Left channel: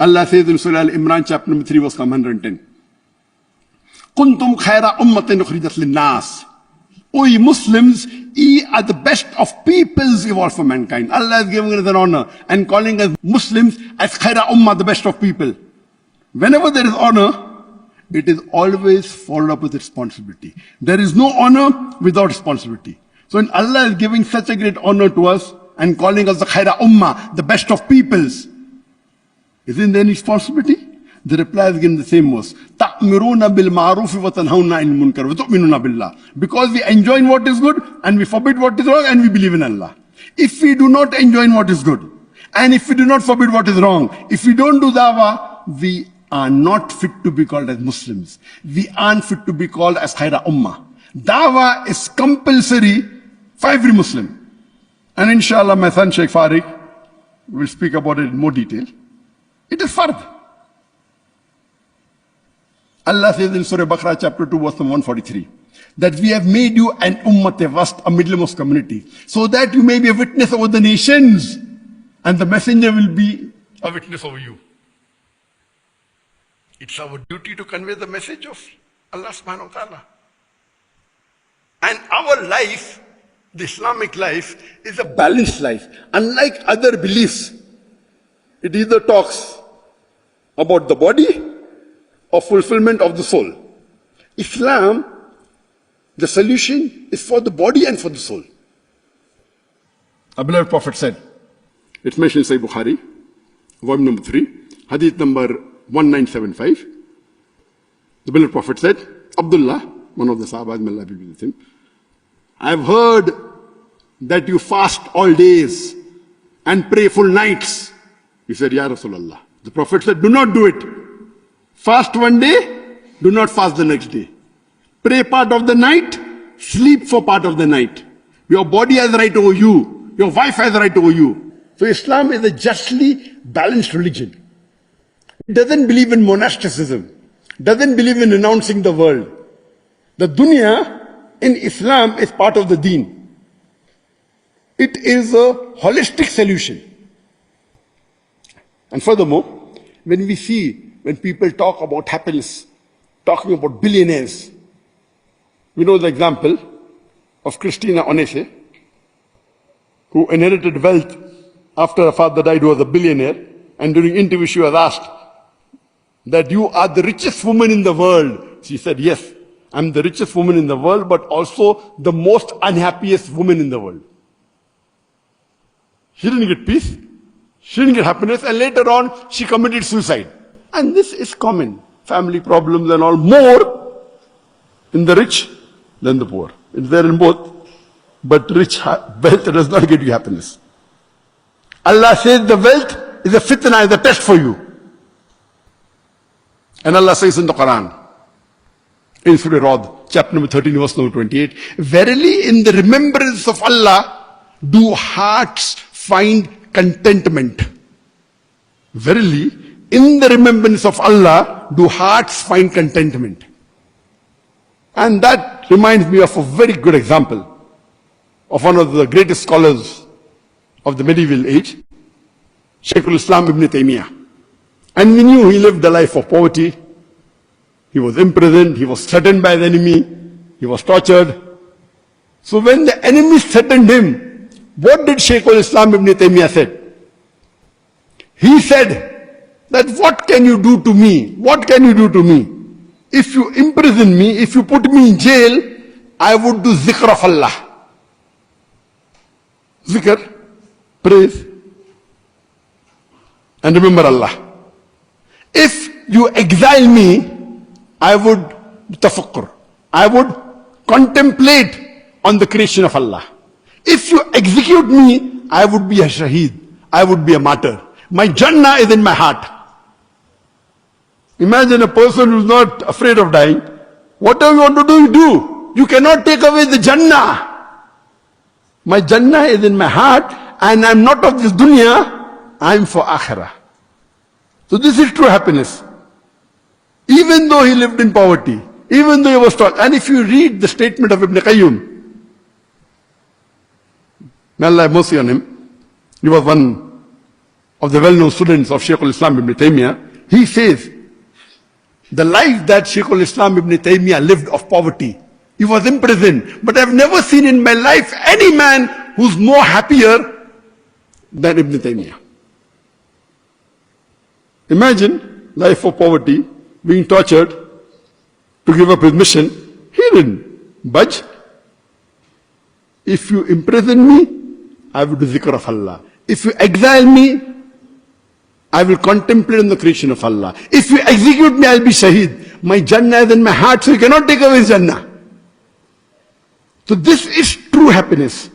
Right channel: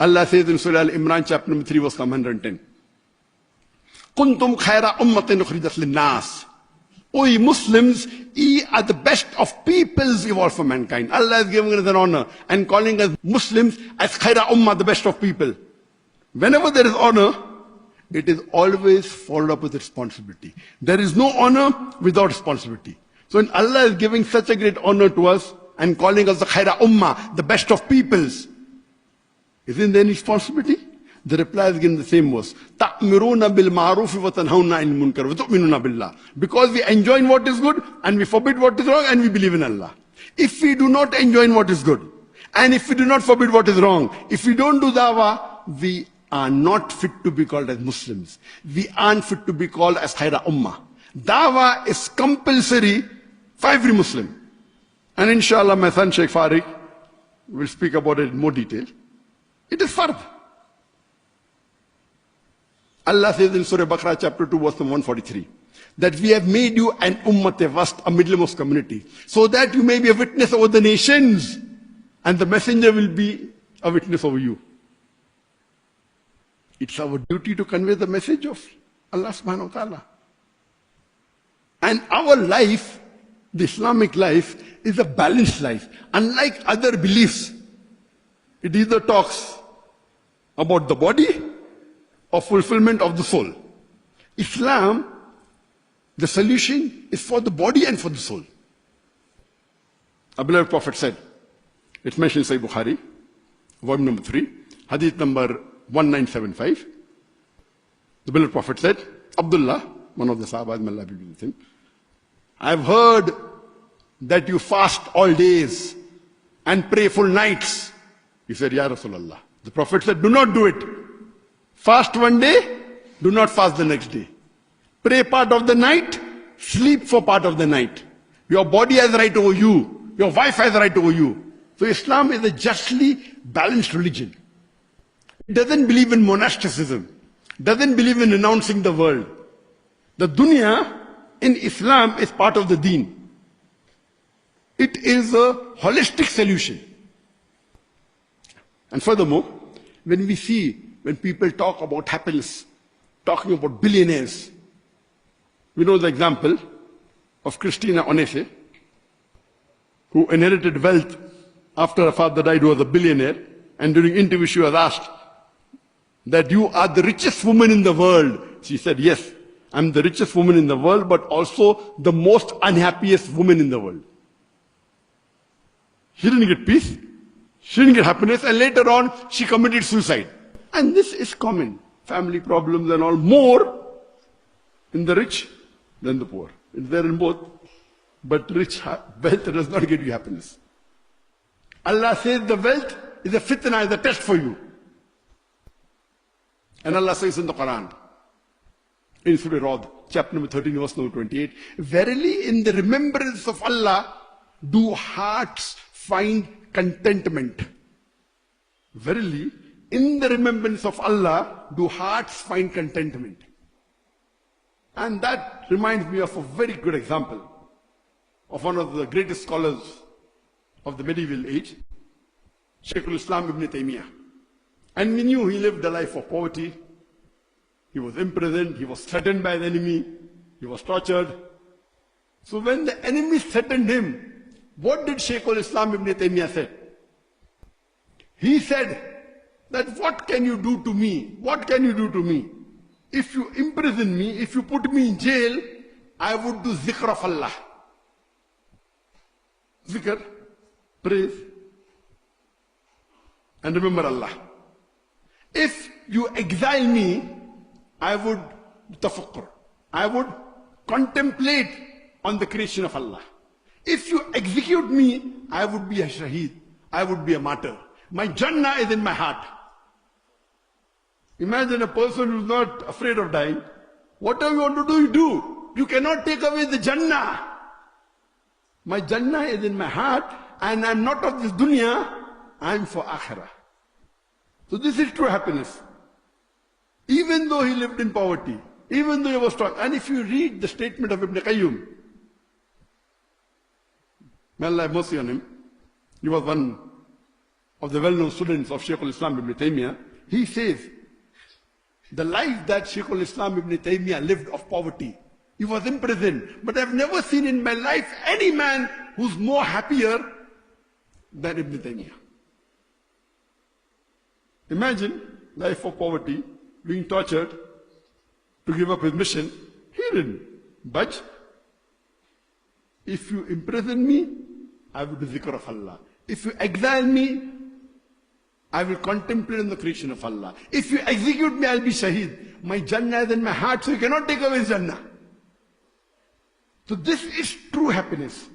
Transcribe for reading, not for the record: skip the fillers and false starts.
Allah says in Surah Al-Imran, chapter number 3, verse 110. Kuntum khaira ummatin ukhrijat linnas. O ye Muslims, ye are the best of peoples evolved for mankind. Allah is giving us an honor and calling us Muslims as khaira ummah, the best of people. Whenever there is honor, it is always followed up with responsibility. There is no honor without responsibility. So when Allah is giving such a great honor to us and calling us the khaira ummah, the best of peoples, isn't there any responsibility? The reply is again the same verse. تَأْمِرُونَ بِالْمَعْرُوفِ وَتَنْهَوْنَ عَنِ الْمُنْكَرِ وَتُؤْمِنُونَ بِاللَّهِ. Because we enjoin what is good and we forbid what is wrong and we believe in Allah. If we do not enjoin what is good and if we do not forbid what is wrong, if we don't do dawah, we are not fit to be called as Muslims. We aren't fit to be called as khaira ummah. Dawah is compulsory for every Muslim. And inshallah my son Sheikh Farid will speak about it in more detail. It is fard. Allah says in Surah Baqarah chapter 2 verse 143 that we have made you an ummat wast, a middlemost community, so that you may be a witness over the nations and the messenger will be a witness over you. It's our duty to convey the message of Allah subhanahu wa ta'ala. And our life, the Islamic life, is a balanced life. Unlike other beliefs, it either talks about the body or fulfillment of the soul. Islam, the solution is for the body and for the soul. Our beloved Prophet said, it's mentioned in Sahih Bukhari, volume number 3, hadith number 1975. The beloved Prophet said, Abdullah, one of the Sahabas, may Allah be with him, I have heard that you fast all days and pray full nights. He said, Ya Rasulullah. The Prophet said, do not do it. Fast one day, do not fast the next day. Pray part of the night, sleep for part of the night. Your body has right over you. Your wife has right over you. So Islam is a justly balanced religion. It doesn't believe in monasticism. Doesn't believe in renouncing the world. The dunya in Islam is part of the deen. It is a holistic solution. And furthermore, when people talk about happiness, talking about billionaires, we know the example of Christina Onese, who inherited wealth after her father died, who was a billionaire, and during interview she was asked that you are the richest woman in the world. She said, yes, I'm the richest woman in the world, but also the most unhappiest woman in the world. She didn't get peace. She didn't get happiness, and later on, she committed suicide. And this is common. Family problems and all, more in the rich than the poor. It's there in both. But wealth does not get you happiness. Allah says the wealth is a fitna, is a test for you. And Allah says in the Quran, in Surah Rad, chapter number 13, verse number 28, verily in the remembrance of Allah do hearts find contentment. Verily, in the remembrance of Allah, do hearts find contentment. And that reminds me of a very good example of one of the greatest scholars of the medieval age, Shaykh al-Islam ibn Taymiyyah. And we knew he lived a life of poverty. He was imprisoned, he was threatened by the enemy, he was tortured. So when the enemy threatened him, what did Shaykh al-Islam ibn Taymiyyah said? He said that what can you do to me? What can you do to me? If you imprison me, if you put me in jail, I would do zikr of Allah. Zikr, praise, and remember Allah. If you exile me, I would tafakkur. I would contemplate on the creation of Allah. If you execute me, I would be a shaheed. I would be a martyr. My Jannah is in my heart. Imagine a person who's not afraid of dying. Whatever you want to do, you do. You cannot take away the Jannah. My Jannah is in my heart, and I'm not of this dunya, I'm for akhirah. So this is true happiness. Even though he lived in poverty, even though he was taught. And if you read the statement of Ibn Qayyim, may Allah have mercy on him, he was one of the well-known students of Shaykh al-Islam ibn Taymiyyah, he says, the life that Shaykh al-Islam ibn Taymiyyah lived of poverty, he was imprisoned, but I've never seen in my life any man who's more happier than Ibn Taymiyyah. Imagine life of poverty, being tortured to give up his mission. He didn't budge. If you imprison me, I will do zikr of Allah. If you exile me, I will contemplate on the creation of Allah. If you execute me, I'll be shaheed. My Jannah is in my heart, so you cannot take away his Jannah. So this is true happiness.